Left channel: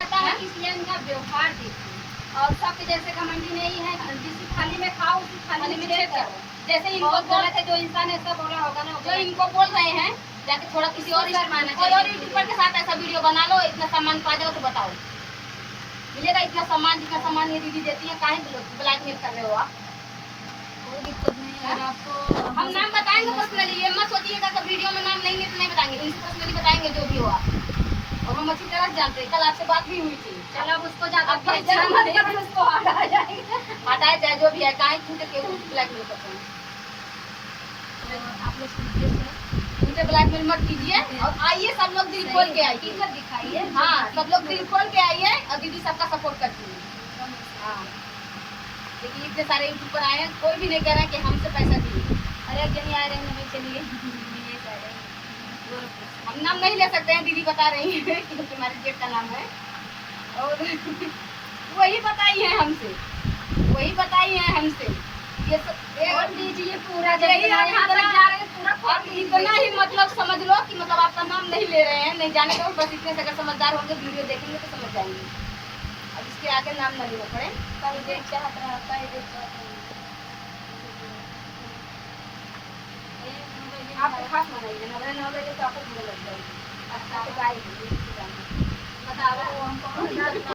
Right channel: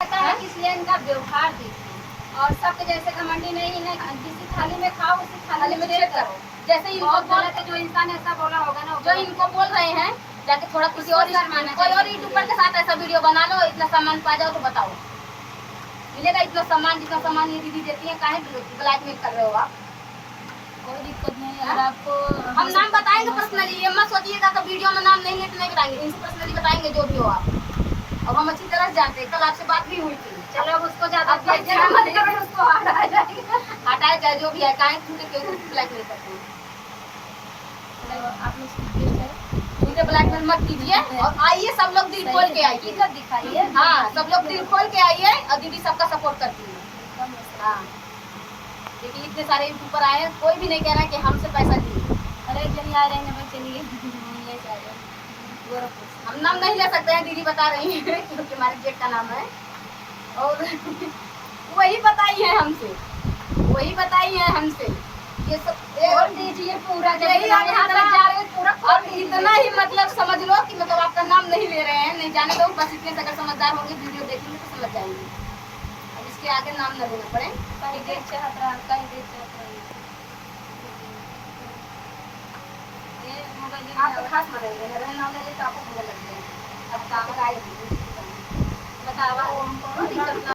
पता है इसलिए इनका व्यवहार देखो और सबके जैसे घमंडी नहीं है। जिस थाली में खाओ उसी थाली में छेद करो। जैसे इनको गलत है, जो इंसान ऐसा बोला होगा ना, जो इनको बोल रहे हैं जाके थोड़ा किसी और यूट्यूबर के साथ ऐसा वीडियो बना लो, इतना सामान पा जाओ तो बताओ मिलेगा इतना सामान? जितना सामान ये दीदी देती है काहे ब्लैकमेल कर रहे हो आप? कोई दिक्कत नहीं है। अगर आपको हम नाम बताएंगे पर्सनली, ये मत सोचिएगा कि वीडियो में नाम नहीं है तो नहीं बताएंगे, इनसे पर्सनली बताएंगे जो भी हो आप। और हम अच्छी तरह से जानते हैं, कल आपसे बात भी हुई थी। चलो अब उसको ज्यादा उसको हटाया जाए जो भी है, काहे ब्लैकमेल करते हैं। आप लोग मुझे ब्लैकमेल मत कीजिए और आइए सब लोग दिल खोल के आइए, हकीकत दिखाइए। हाँ सब लोग दिल खोल के आइए और दीदी सबका सपोर्ट करती है। हाँ देखिए इतने सारे यूट्यूबर आए हैं, कोई भी नहीं कह रहा है कि हमसे पैसा दिए। अरे एक जनी आ रहे हैं भाई, चलिए ये जा रहे हैं गोरखपुर। हम नाम नहीं ले सकते हैं, दीदी बता रही है क्योंकि हमारे जेठ का नाम है। और वही बताई है हमसे, वही बताई है हमसे ये सब। बोल दीजिए पूरा, यही आप अब इतना ही मतलब समझ लो कि मतलब आपका नाम नहीं ले रहे हैं, नहीं जाने दो बस। इतने से अगर समझदार होंगे वीडियो देखेंगे तो समझ जाएंगे। अब इसके आगे नाम न लेना पड़े। कहीं देख चाहत रहा, कहीं देख चाहत रहा। आप खास मनाइए ना, नाम ले तो आपको लग जाए। अब बतावा हमको दिक्कत